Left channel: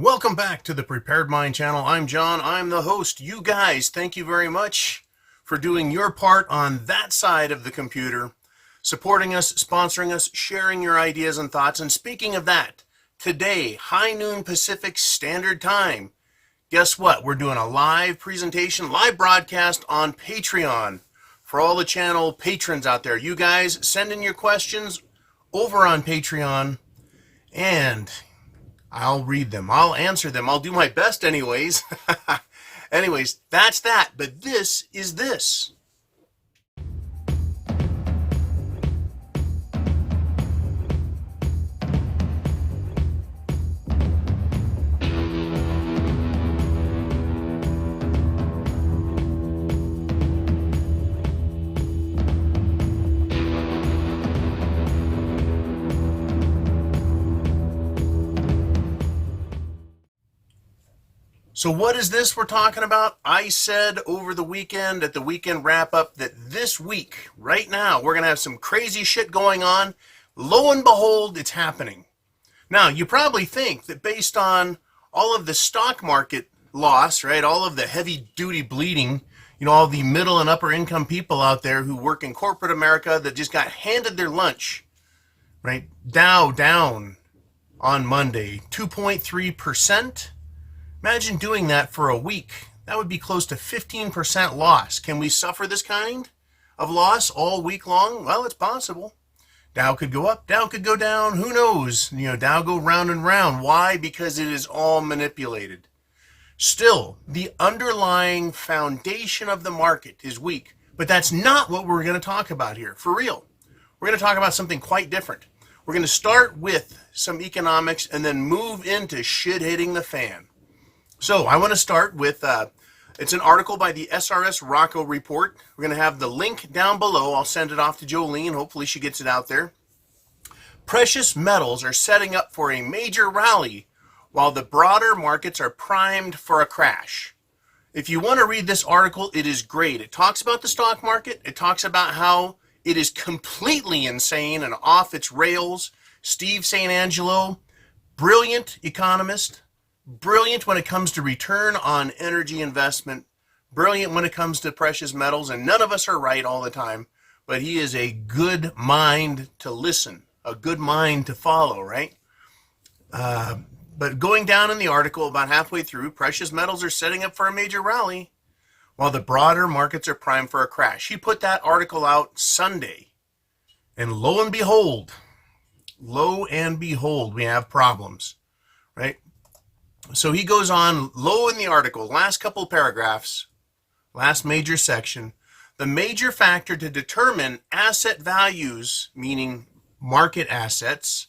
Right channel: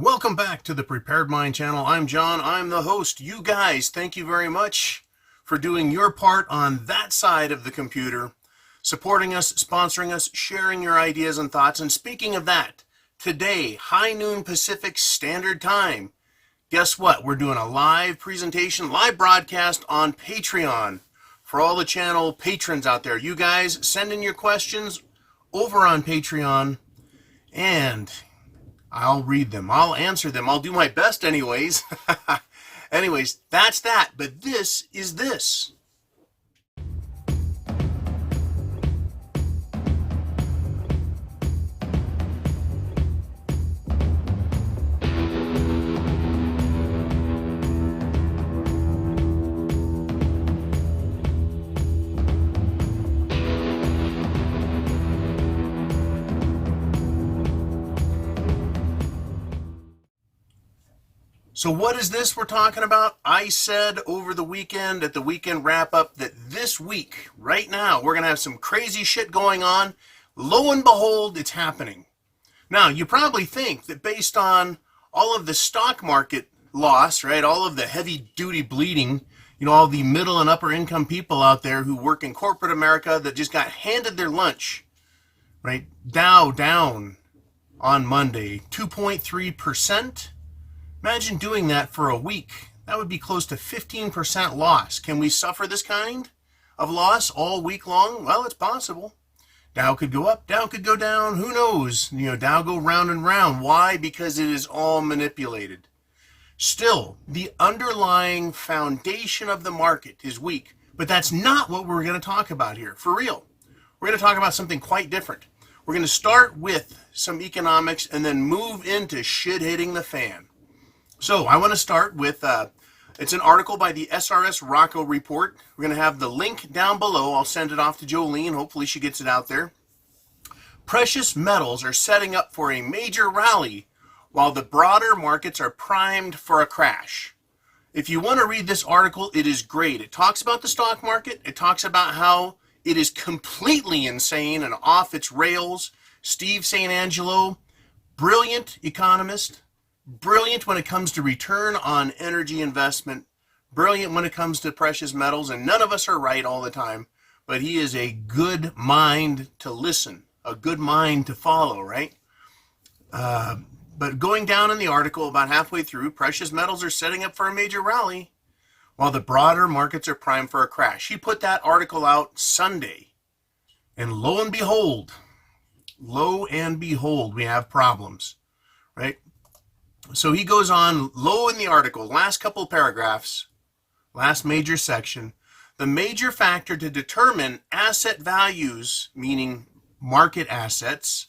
Welcome back to the Prepared Mind channel. I'm John. I'm the host. You guys, thank you very much for doing your part on that side of the computer, supporting us, sponsoring us, sharing your ideas and thoughts. And speaking of that, today, high noon Pacific Standard Time, guess what? We're doing a live presentation, live broadcast on Patreon for all the channel patrons out there. You guys, send in your questions over on Patreon, and I'll read them. I'll answer them. I'll do my best anyways. Anyways, that's that. But this is this. So what is this we're talking about? I said over the weekend at the weekend wrap up that this week, right now, we're going to have some crazy shit going on. Lo and behold, it's happening. Now, you probably think that based on all of the stock market loss, right, all of the heavy duty bleeding, all the middle and upper income people out there who work in corporate America that just got handed their lunch, right? Dow down on Monday, 2.3%. Imagine doing that for a week. That would be close to 15% loss. Can we suffer this kind of loss all week long? Well, it's possible. Dow could go up, Dow could go down. Who knows? Dow go round and round. Why? Because it is all manipulated. Still, the underlying foundation of the market is weak. But that's not what we're going to talk about here. For real. We're going to talk about something quite different. We're going to start with some economics and then move into shit hitting the fan. So I want to start with, it's an article by the SRS Rocco Report. We're going to have the link down below. I'll send it off to Jolene. Hopefully she gets it out there. Precious metals are setting up for a major rally while the broader markets are primed for a crash. If you want to read this article, it is great. It talks about the stock market. It talks about how it is completely insane and off its rails. Steve St. Angelo, brilliant economist. Brilliant when it comes to return on energy investment, brilliant when it comes to precious metals, and none of us are right all the time, but he is a good mind to listen, a good mind to follow, right? But going down in the article, about halfway through, precious metals are setting up for a major rally, while the broader markets are primed for a crash. He put that article out Sunday, and lo and behold, we have problems, right? So he goes on low in the article, last couple paragraphs, last major section. The major factor to determine asset values, meaning market assets,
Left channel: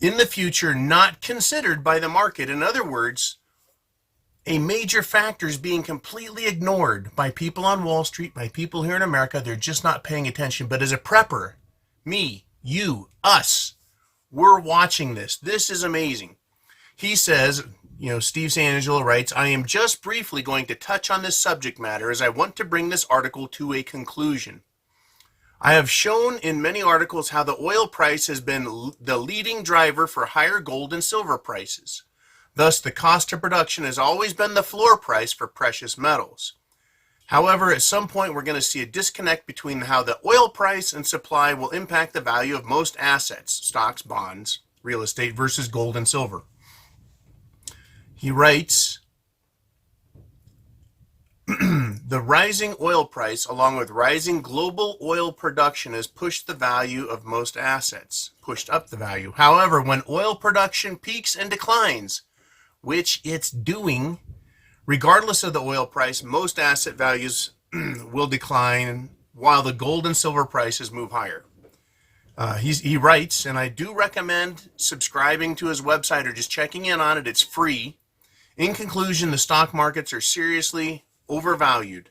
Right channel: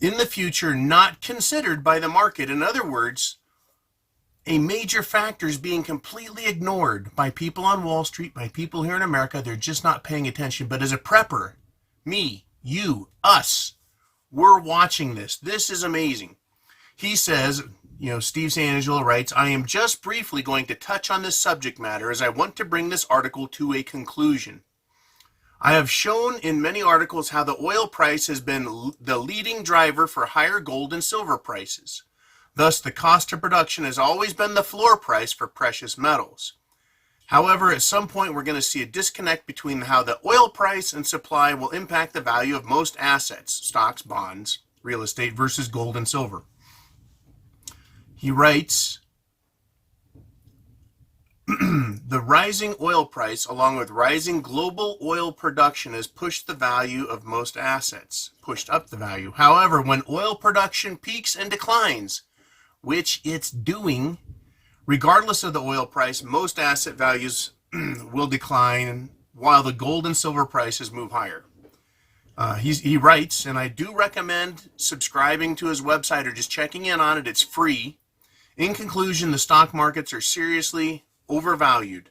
in the future not considered by the market. In other words, a major factor is being completely ignored by people on Wall Street, by people here in America. They're just not paying attention. But as a prepper, me, you, us, we're watching this. This is amazing. He says, Steve St. Angelo writes, I am just briefly going to touch on this subject matter as I want to bring this article to a conclusion. I have shown in many articles how the oil price has been the leading driver for higher gold and silver prices. Thus, the cost of production has always been the floor price for precious metals. However, at some point, we're going to see a disconnect between how the oil price and supply will impact the value of most assets, stocks, bonds, real estate, versus gold and silver. He writes, the rising oil price along with rising global oil production has pushed the value of most assets, pushed up the value. However, when oil production peaks and declines, which it's doing, regardless of the oil price, most asset values will decline while the gold and silver prices move higher. He writes, and I do recommend subscribing to his website or just checking in on it. It's free. In conclusion, the stock markets are seriously overvalued,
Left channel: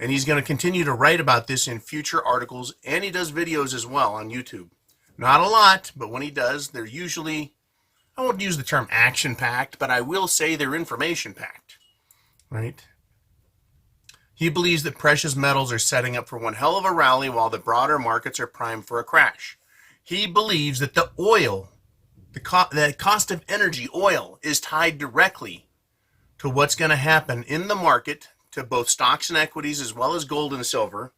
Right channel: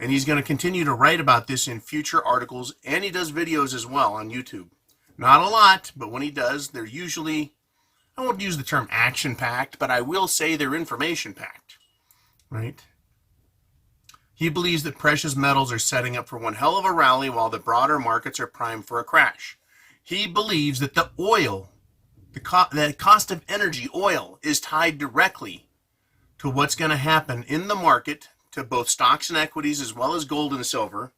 and he's going to continue to write about this in future articles, and he does videos as well on YouTube. Not a lot, but when he does, they're usually, I won't use the term action-packed, but I will say they're information-packed, right? He believes that precious metals are setting up for one hell of a rally while the broader markets are primed for a crash. He believes that the oil The cost of energy, oil, is tied directly to what's going to happen in the market to both stocks and equities as well as gold and silver.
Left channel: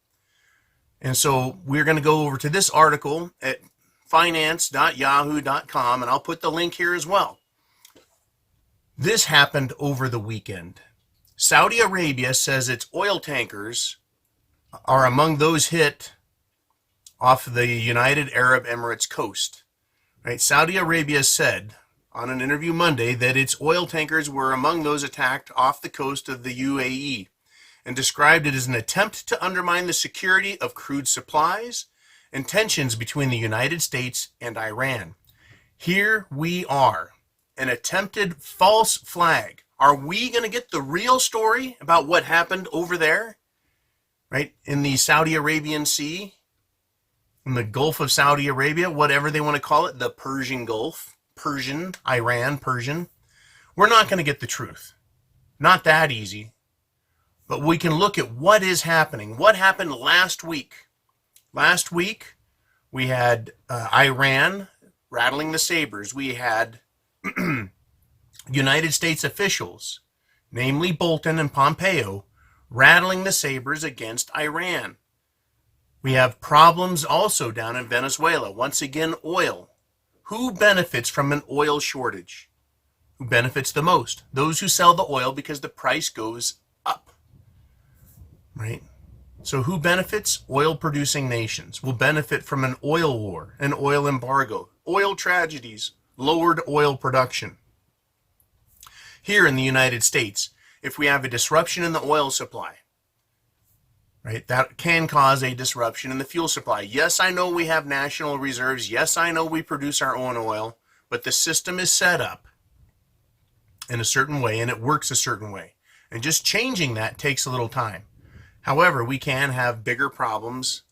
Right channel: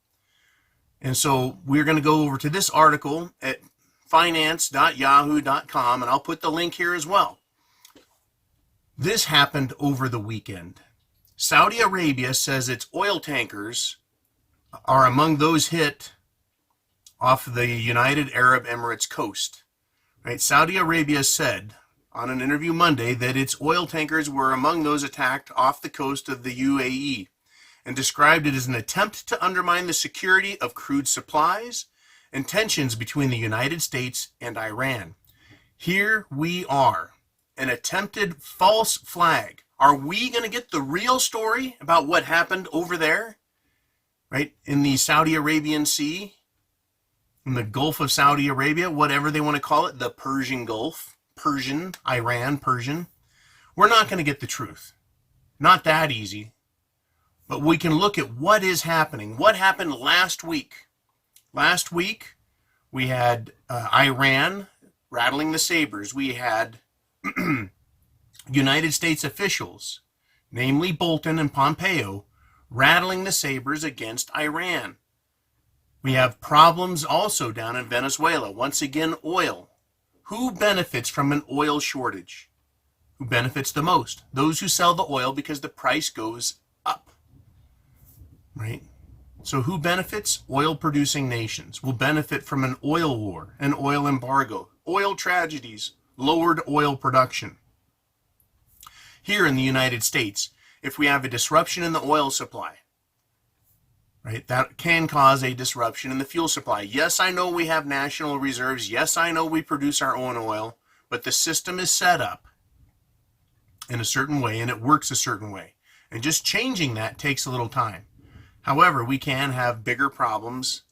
And so we're going to go over to this article at finance.yahoo.com, and I'll put the link here as well. This happened over the weekend. Saudi Arabia says its oil tankers are among those hit off the United Arab Emirates coast. Right? Saudi Arabia said on an interview Monday that its oil tankers were among those attacked off the coast of the UAE, and described it as an attempt to undermine the security of crude supplies and tensions between the United States and Iran. Here we are, an attempted false flag. Are we going to get the real story about what happened over there, right, in the Saudi Arabian Sea, in the Gulf of Saudi Arabia, whatever they want to call it, the Persian Gulf, Persian, Iran, Persian? We're not going to get the truth. Not that easy. But we can look at what is happening. What happened last week? Last week, we had Iran rattling the sabers. We had United States officials, namely Bolton and Pompeo, rattling the sabers against Iran. We have problems also down in Venezuela. Once again, oil. Who benefits from an oil shortage? Who benefits the most? Those who sell the oil because the price goes up. Right? So who benefits? Oil-producing nations will benefit from an oil war, an oil embargo, oil tragedies, lowered oil production. Here in the United States, if we have a disruption in the oil supply, right, that can cause a disruption in the fuel supply. Yes, I know we have national reserves. Yes, I know we produce our own oil, but the system is set up in a certain way and it works a certain way. And just changing that takes a little time. However, we can have bigger problems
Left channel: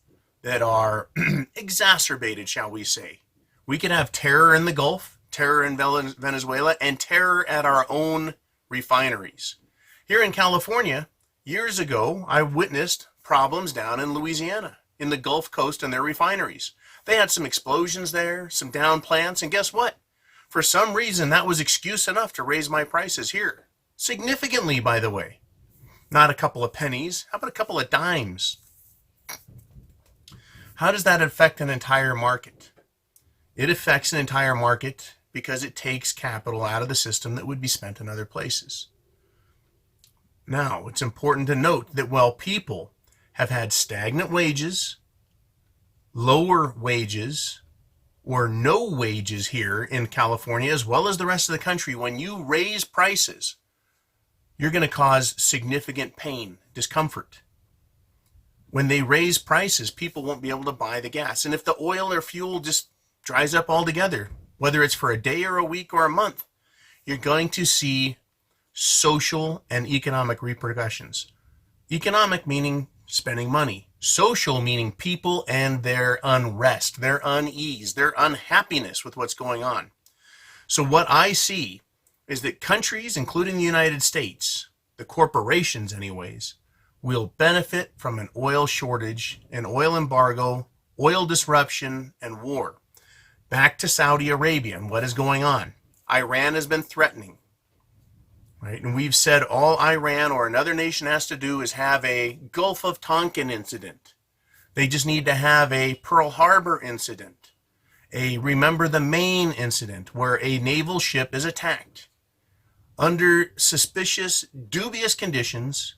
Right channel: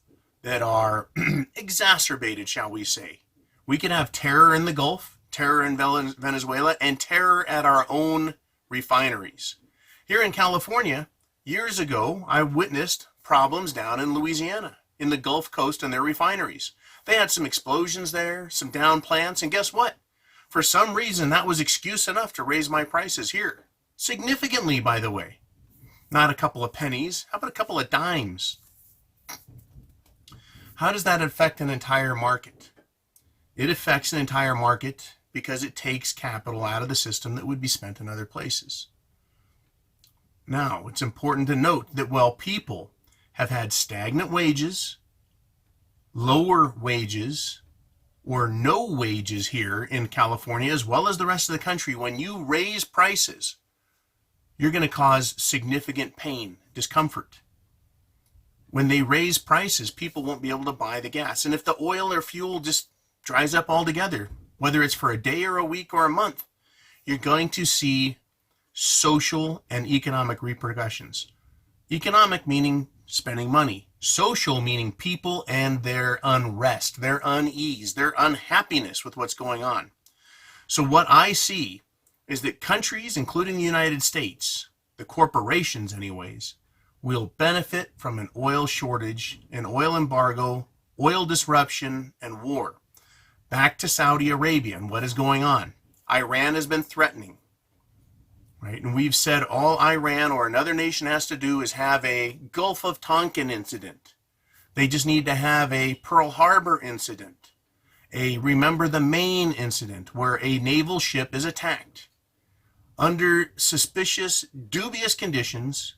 that are exacerbated, shall we say. We can have terror in the Gulf, terror in Venezuela, and terror at our own refineries. Here in California, years ago, I witnessed problems down in Louisiana, in the Gulf Coast and their refineries. They had some explosions there, some down plants, and guess what? For some reason, that was excuse enough to raise my prices here. Significantly, by the way. Not a couple of pennies. How about a couple of dimes? How does that affect an entire market? It affects an entire market because it takes capital out of the system that would be spent in other places. Now, it's important to note that while people have had stagnant wages, lower wages, or no wages here in California, as well as the rest of the country, when you raise prices, you're going to cause significant pain, discomfort. When they raise prices, people won't be able to buy the gas. And if the oil or fuel just dries up altogether, whether it's for a day or a week or a month, you're going to see social and economic repercussions. Economic meaning spending money. Social meaning people and their unrest, their unease, their unhappiness with what's going on. So what I see is that countries, including the United States, the corporations anyways, will benefit from an oil shortage, an oil embargo, oil disruption, and war. Back to Saudi Arabia and what is going on. Iran has been threatening, right? And we've said all Iran or another nation has to do is have a Gulf of Tonkin incident. They just need to have a Pearl Harbor incident, a Remember the Maine incident where a naval ship is attacked under suspicious, dubious conditions,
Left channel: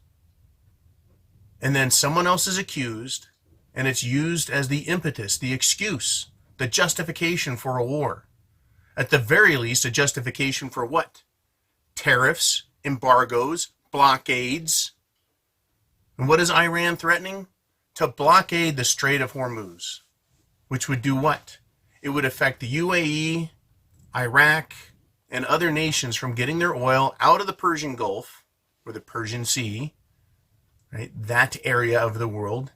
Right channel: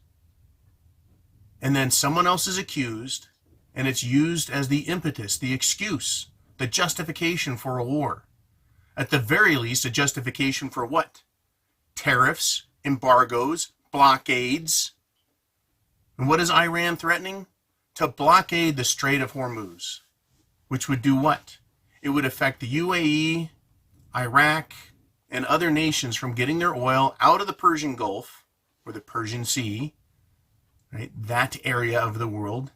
and then someone else is accused, and it's used as the impetus, the excuse, the justification for a war. At the very least, a justification for what? Tariffs, embargoes, blockades. And what is Iran threatening? To blockade the Strait of Hormuz, which would do what? It would affect the UAE, Iraq, and other nations from getting their oil out of the Persian Gulf, or the Persian Sea, right? That area of the world,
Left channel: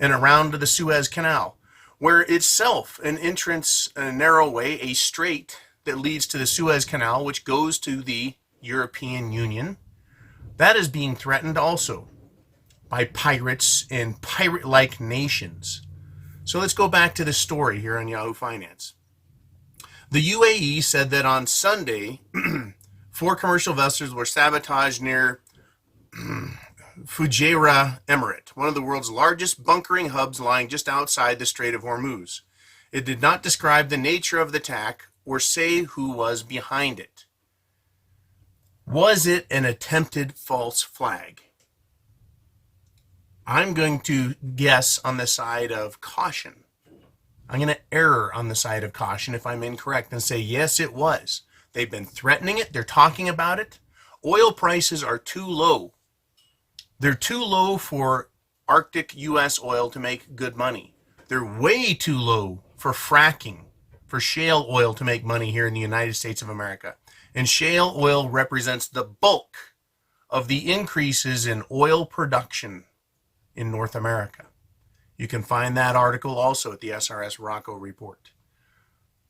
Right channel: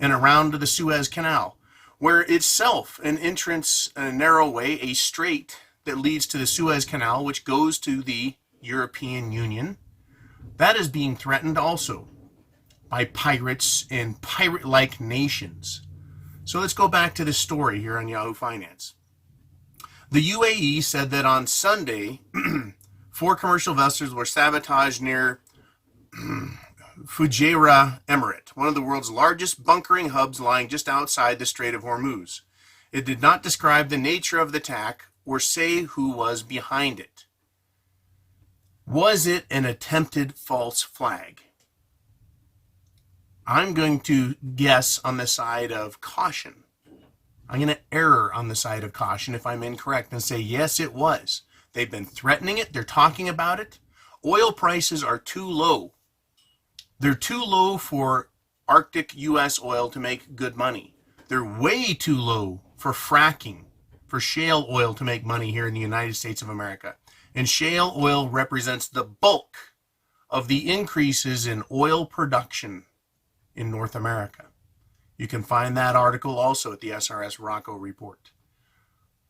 and around to the Suez Canal, where itself an entrance, a narrow way, a strait that leads to the Suez Canal, which goes to the European Union, that is being threatened also by pirates and pirate-like nations. So let's go back to the story here on Yahoo Finance. The UAE said that on Sunday, 4 commercial vessels were sabotaged near Fujairah Emirate, one of the world's largest bunkering hubs lying just outside the Strait of Hormuz. It did not describe the nature of the attack or say who was behind it. Was it an attempted false flag? I'm going to guess on the side of caution. I'm going to err on the side of caution if I'm incorrect and say, yes, it was. They've been threatening it. They're talking about it. Oil prices are too low. They're too low for Arctic U.S. oil to make good money. They're way too low for fracking, for shale oil to make money here in the United States of America. And shale oil represents the bulk of the increases in oil production in North America. You can find that article also at the SRS Rocco report.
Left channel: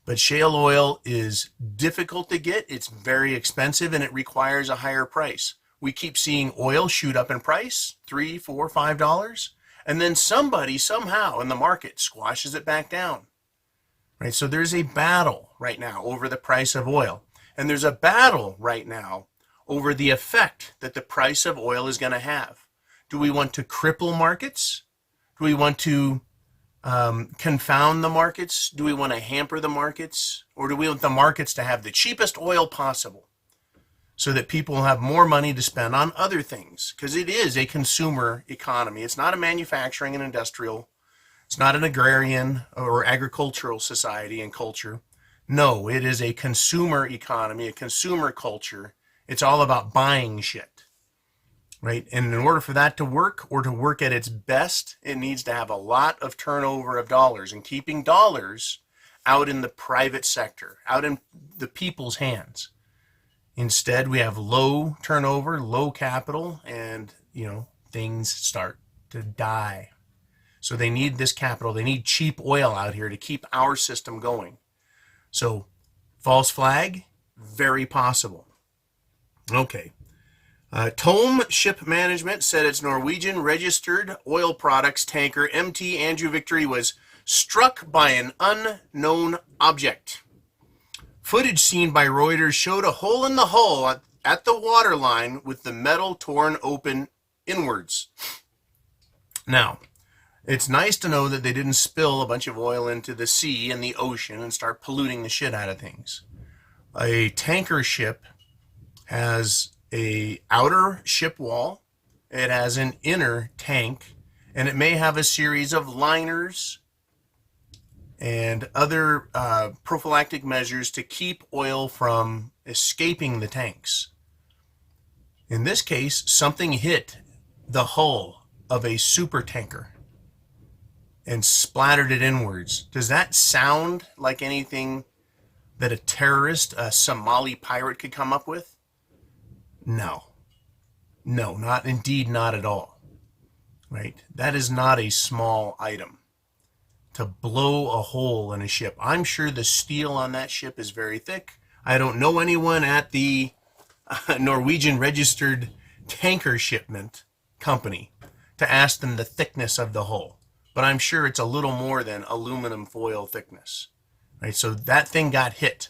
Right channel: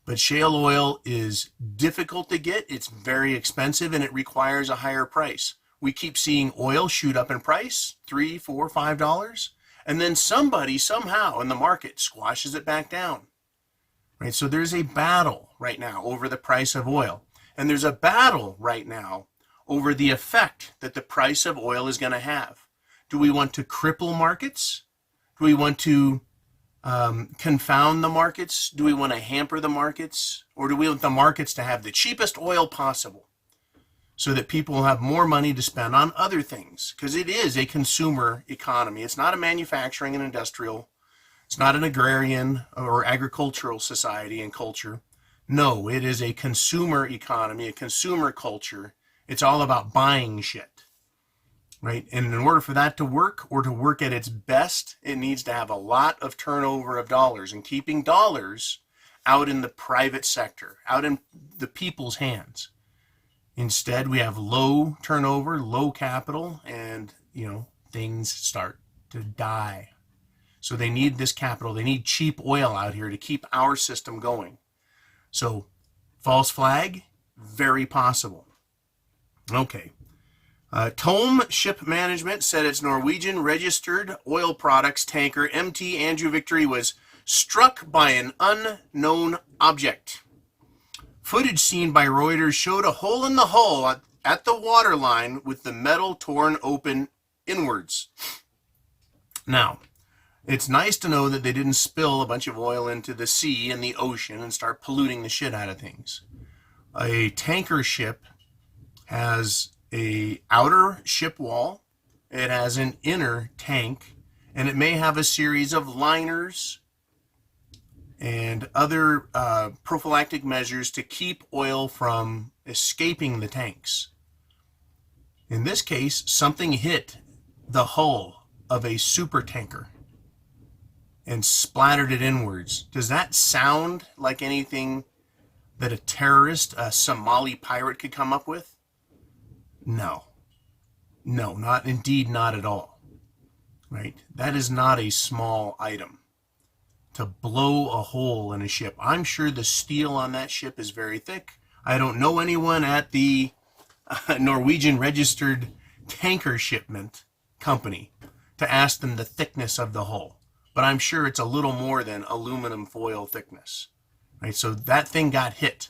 But shale oil is difficult to get, it's very expensive, and it requires a higher price. We keep seeing oil shoot up in price, $3, $4, $5, and then somebody somehow in the market squashes it back down. Right? So there's a battle right now over the price of oil. And there's a battle right now over the effect that the price of oil is going to have. Do we want to cripple markets? Do we want to confound the markets? Do we want to hamper the markets? Or do we want the markets to have the cheapest oil possible so that people will have more money to spend on other things? Because it is a consumer economy. It's not a manufacturing and industrial. It's not an agrarian or agricultural society and culture. No, it is a consumer economy, a consumer culture. It's all about buying shit, right? And in order for that to work, or to work at its best, it needs to have a lot of turnover of dollars, and keeping dollars out in the private sector, out in the people's hands. Instead, we have low turnover, low capital, and, things start to die. So they need this capital. They need cheap oil out here to keep our system going. So, false flag, very possible. Okay. Tome Ship Management said its Norwegian registered oil products tanker MT Andrew Victory was struck by an unknown object. Footage seen by Reuters showed a hole in the hull at the waterline with the metal torn open inwards. Now, it's nice to know that they didn't spill a bunch of oil into the sea and the ocean and start polluting the shit out of things. A tanker ship has an outer ship wall, it has an inner tank, and it may have a series of liners and other prophylactic measures to keep oil from escaping the tanks. In this case, something hit the hull of a super tanker and splattered it inwards. Does that sound like anything that a terrorist, a Somali pirate could come up with? No. No, not at all. Right? That is not a small item. To blow a hole in a ship. I'm sure the steel on that ship is very thick. I don't know anyone at the Norwegian registered tanker shipment company to ask them the thickness of the hull. But I'm sure it's a little more than aluminum foil thickness. Right? So that thing got hit,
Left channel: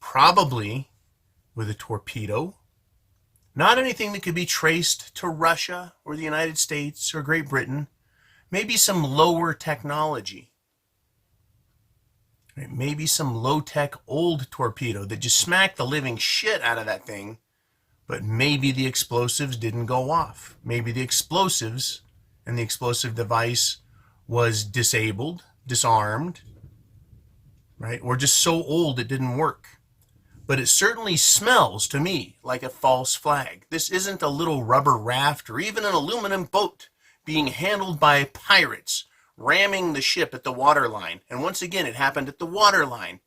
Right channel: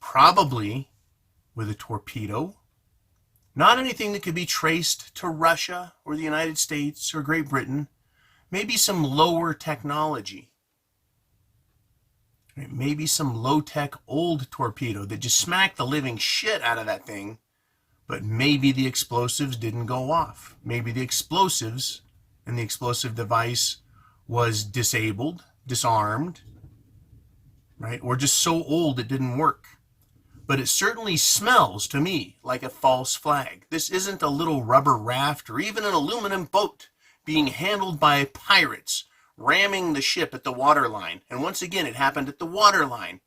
probably with a torpedo. Not anything that could be traced to Russia or the United States or Great Britain. Maybe some lower technology. Right? Maybe some low-tech old torpedo that just smacked the living shit out of that thing. But maybe the explosives didn't go off. Maybe the explosives and the explosive device was disabled, disarmed, right? Or just so old it didn't work. But it certainly smells to me like a false flag. This isn't a little rubber raft or even an aluminum boat being handled by pirates, ramming the ship at the waterline. And once again, it happened at the waterline.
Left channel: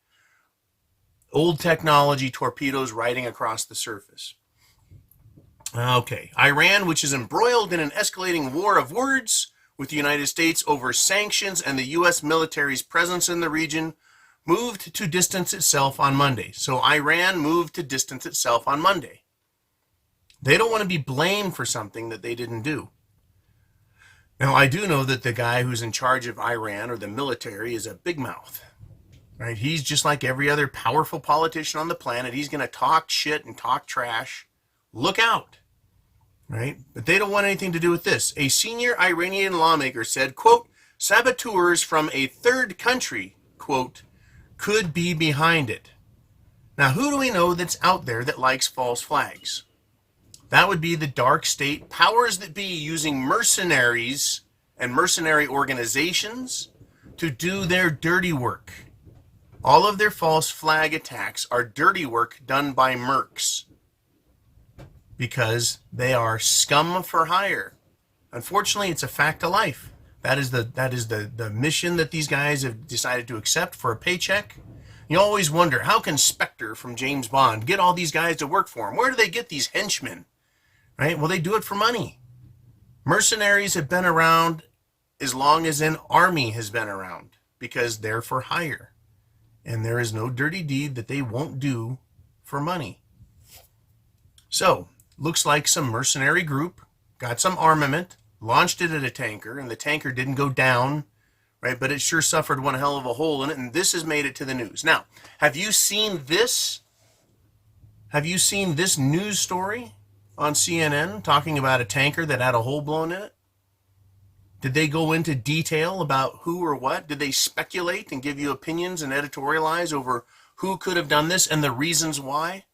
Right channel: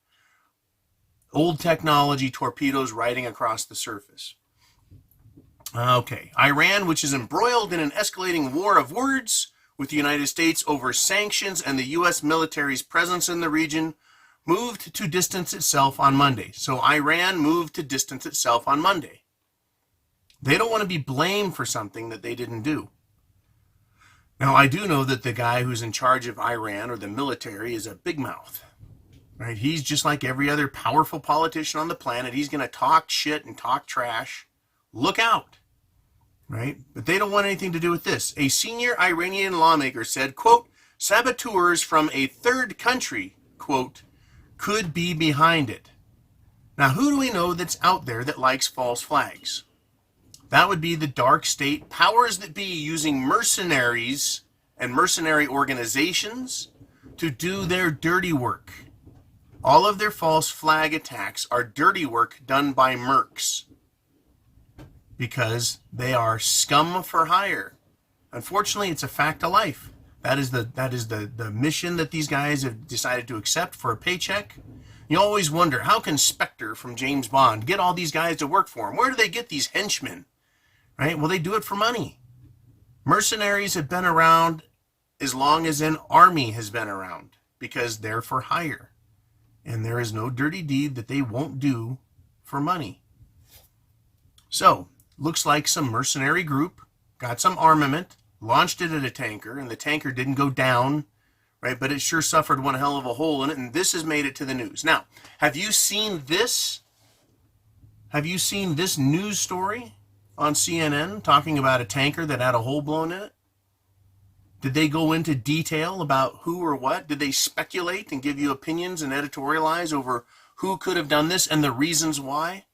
Old technology torpedoes riding across the surface. Okay, Iran, which is embroiled in an escalating war of words with the United States over sanctions and the U.S. military's presence in the region, moved to distance itself on Monday. So Iran moved to distance itself on Monday. They don't want to be blamed for something that they didn't do. Now, I do know that the guy who's in charge of Iran, or the military, is a big mouth. right? He's just like every other powerful politician on the planet. He's going to talk shit and talk trash. Look out, right? But they don't want anything to do with this. A senior Iranian lawmaker said, quote, saboteurs from a third country, quote, could be behind it. Now, who do we know that's out there that likes false flags? That would be the dark state powers that be using mercenaries and mercenary organizations to do their dirty work. All of their false flag attacks are dirty work done by mercs because they are scum for hire. Unfortunately, it's a fact of life. That is the mission that these guys have decided to accept for a paycheck. You always wonder, how can Spectre from James Bond get all these guys to work for him? Where do they get these henchmen? Right? Well, they do it for money. Mercenaries have been around as long as an army has been around because they're for hire. And there is no dirty deed that they won't do for money. So, looks like some mercenary group got some armament, launched it at a tanker, and the tanker didn't go down, right? But it sure suffered one hell of a hole in it, and this has made it to the news. Now, have you seen this? Have you seen this news story on CNN talking about a tanker that had a hole blown in it? Did they go into detail about who or what? Did they speculate and give you opinions and editorialize over who could have done this and the reasons why?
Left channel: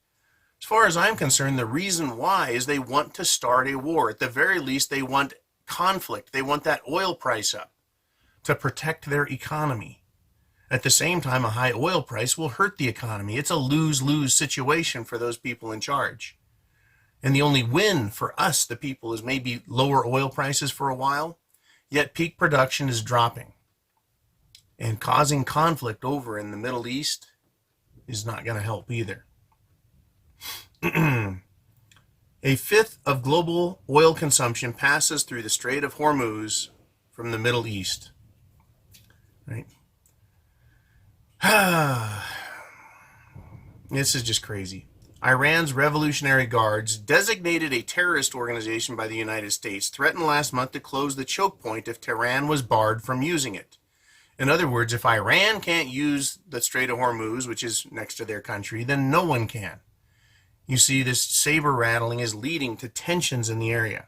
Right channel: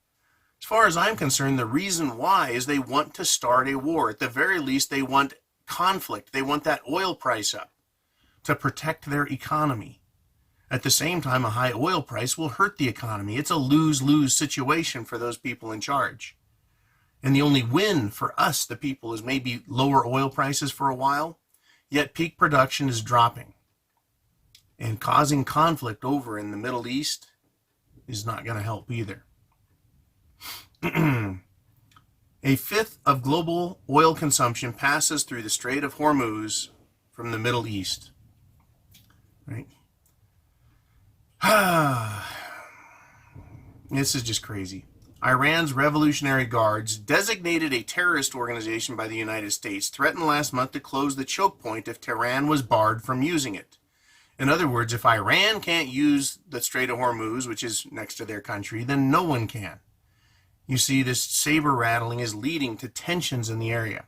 As far as I'm concerned, the reason why is they want to start a war. At the very least, they want conflict. They want that oil price up to protect their economy. At the same time, a high oil price will hurt the economy. It's a lose-lose situation for those people in charge. And the only win for us, the people, is maybe lower oil prices for a while, yet peak production is dropping. And causing conflict over in the Middle East is not going to help either. A fifth of global oil consumption passes through the Strait of Hormuz from the Middle East. Right? This is just crazy. Iran's Revolutionary Guards, designated a terrorist organization by the United States, threatened last month to close the choke point if Tehran was barred from using it. In other words, if Iran can't use the Strait of Hormuz, which is next to their country, then no one can. You see, this saber rattling is leading to tensions in the area.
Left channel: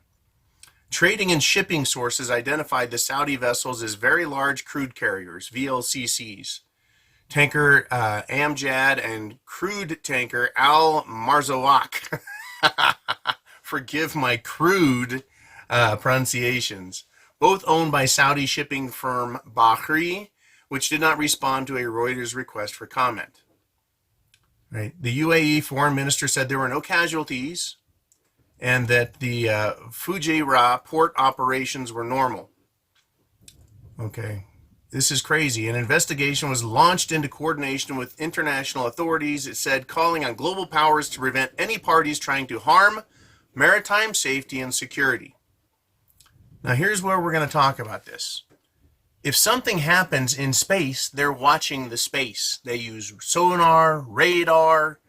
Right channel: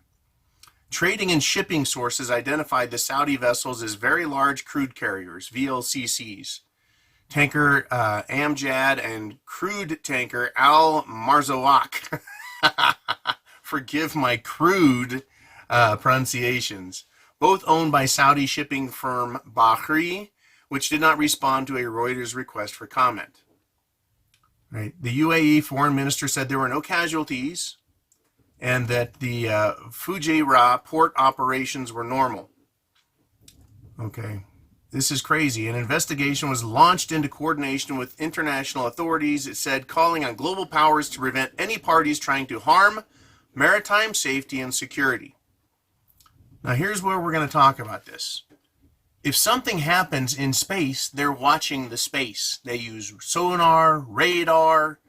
Trading and shipping sources identified the Saudi vessels as very large crude carriers, VLCCs. Tanker Amjad and crude tanker Al Marzouk. Forgive my crude pronunciations. Both owned by Saudi shipping firm Bahri, which did not respond to a Reuters request for comment. Right. The UAE foreign minister said there were no casualties and that the Fujairah port operations were normal. Okay. This is crazy. An investigation was launched into coordination with international authorities, it said, calling on global powers to prevent any parties trying to harm maritime safety and security. Now, here's where we're going to talk about this. If something happens in space, they're watching the space. They use sonar, radar,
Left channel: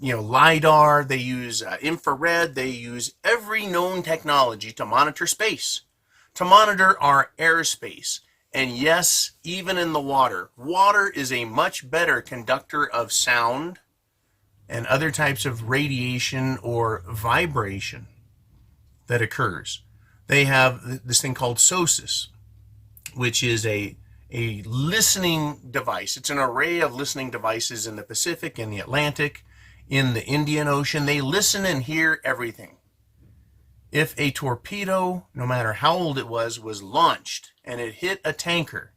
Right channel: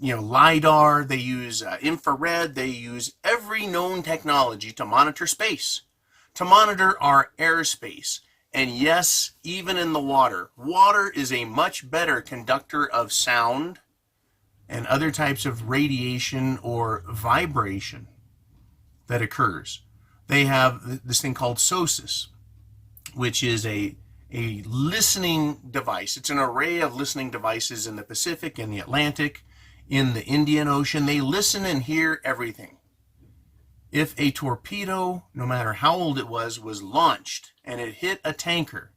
LIDAR, they use infrared, they use every known technology to monitor space, to monitor our airspace. And yes, even in the water. Water is a much better conductor of sound and other types of radiation or vibration that occurs. They have this thing called SOSUS, which is a listening device. It's an array of listening devices in the Pacific, in the Atlantic, in the Indian Ocean. They listen and hear everything. If a torpedo, no matter how old it was launched and it hit a tanker,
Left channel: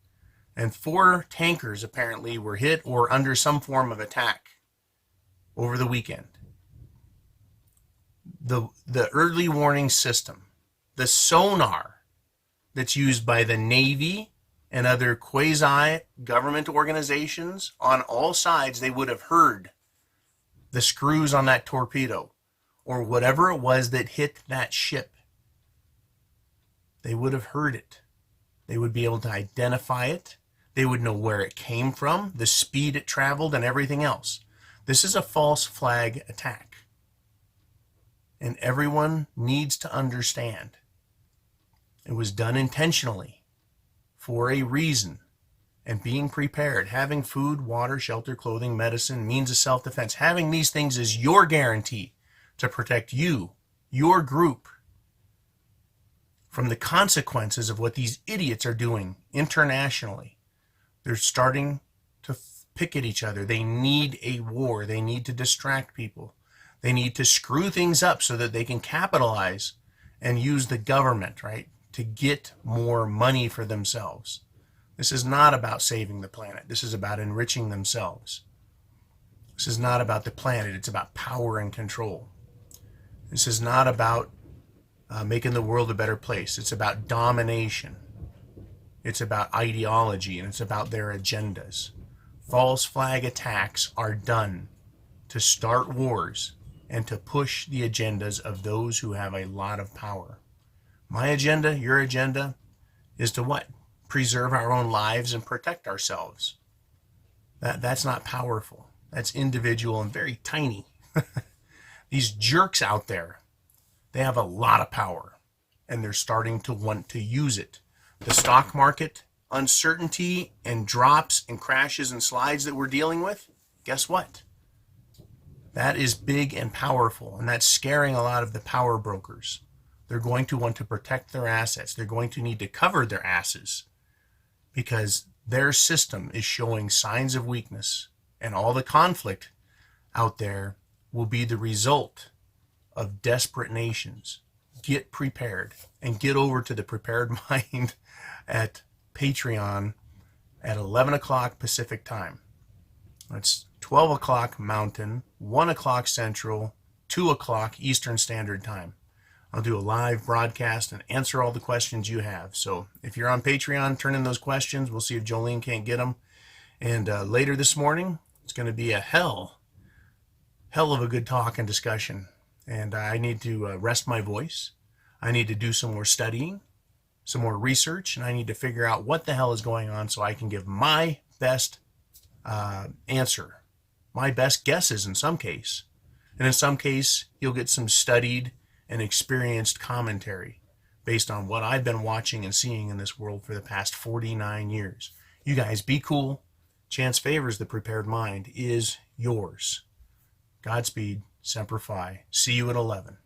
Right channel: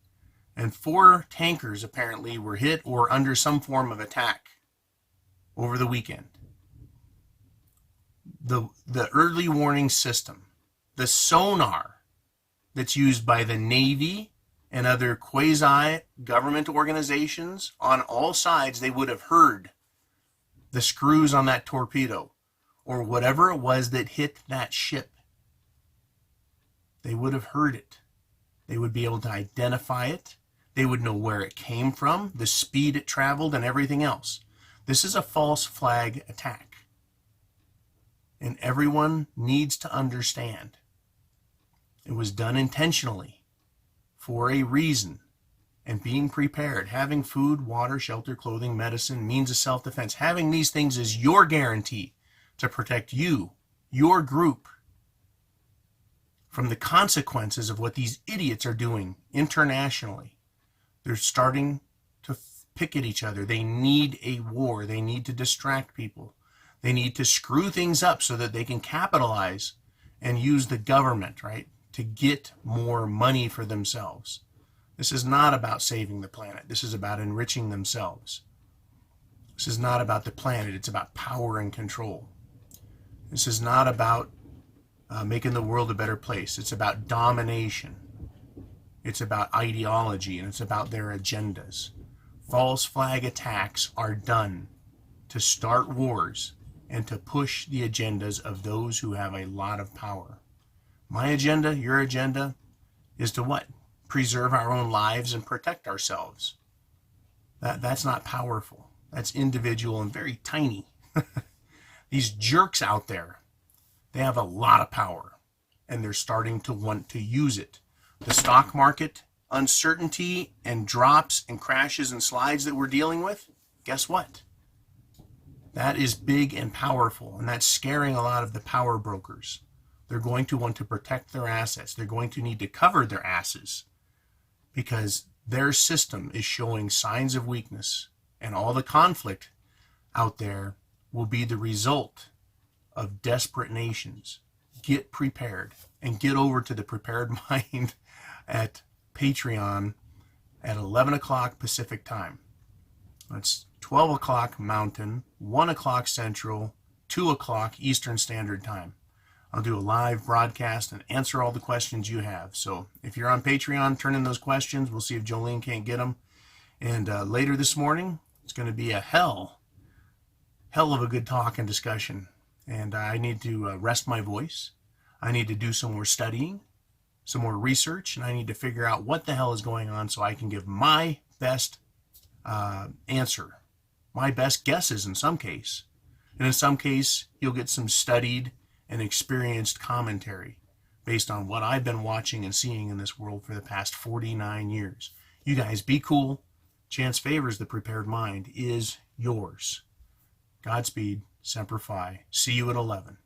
and 4 tankers apparently were hit or under some form of attack over the weekend, the early warning system, the sonar that's used by the Navy and other quasi-government organizations on all sides, they would have heard the screws on that torpedo or whatever it was that hit that ship. They would have heard it. They would be able to identify it. They would know where it came from, the speed it traveled, and everything else. This is a false flag attack. And everyone needs to understand. It was done intentionally for a reason. And being prepared, having food, water, shelter, clothing, medicine, means of self-defense, having these things is your guarantee to protect you, your group, from the consequences of what these idiots are doing internationally. They're starting to pick at each other. They need a war. They need to distract people. They need to screw things up so that they can capitalize and use the government, right, to get more money for themselves. This is not about saving the planet. This is about enriching themselves. This is not about the planet. It's about power and control. This is not about making the world a better place. It's about domination. It's about ideology, and it's about their agendas. False flag attacks are done to start wars and to push the agendas of those who have a lot of power. My agenda, your agenda, is to what? Preserve our own lives and protect ourselves. That's not powerful. That's individual and very tiny. These jerks out there, they have a lot of power, and they're starting to want to use it. The stock market uncertainty and drops and crashes and slides that we're dealing with, guess what? That is big and powerful, and that's scaring a lot of the power brokers. They're going to want to protect their assets. They're going to need to cover their asses because their system is showing signs of weakness, and all the conflict out there will be the result of desperate nations. Get prepared and get over to the Prepared Mind at Patreon at 11 o'clock Pacific time. It's 12 o'clock Mountain, 1 o'clock Central, 2 o'clock Eastern Standard Time. I'll do a live broadcast and answer all the questions you have. So if you're on Patreon, turn in those questions. We'll see if Jolene can't get them. And later this morning, it's going to be a hell of a good talk and discussion. And I need to rest my voice. I need to do some more studying, some more research, and I need to figure out what the hell is going on so I can give my best answer, my best guesses in some case. And in some case, you'll get some studied and experienced commentary based on what I've been watching and seeing in this world for the past 49 years. You guys be cool. Chance favors the Prepared Mind is yours. Godspeed. Semper Fi. See you at 11.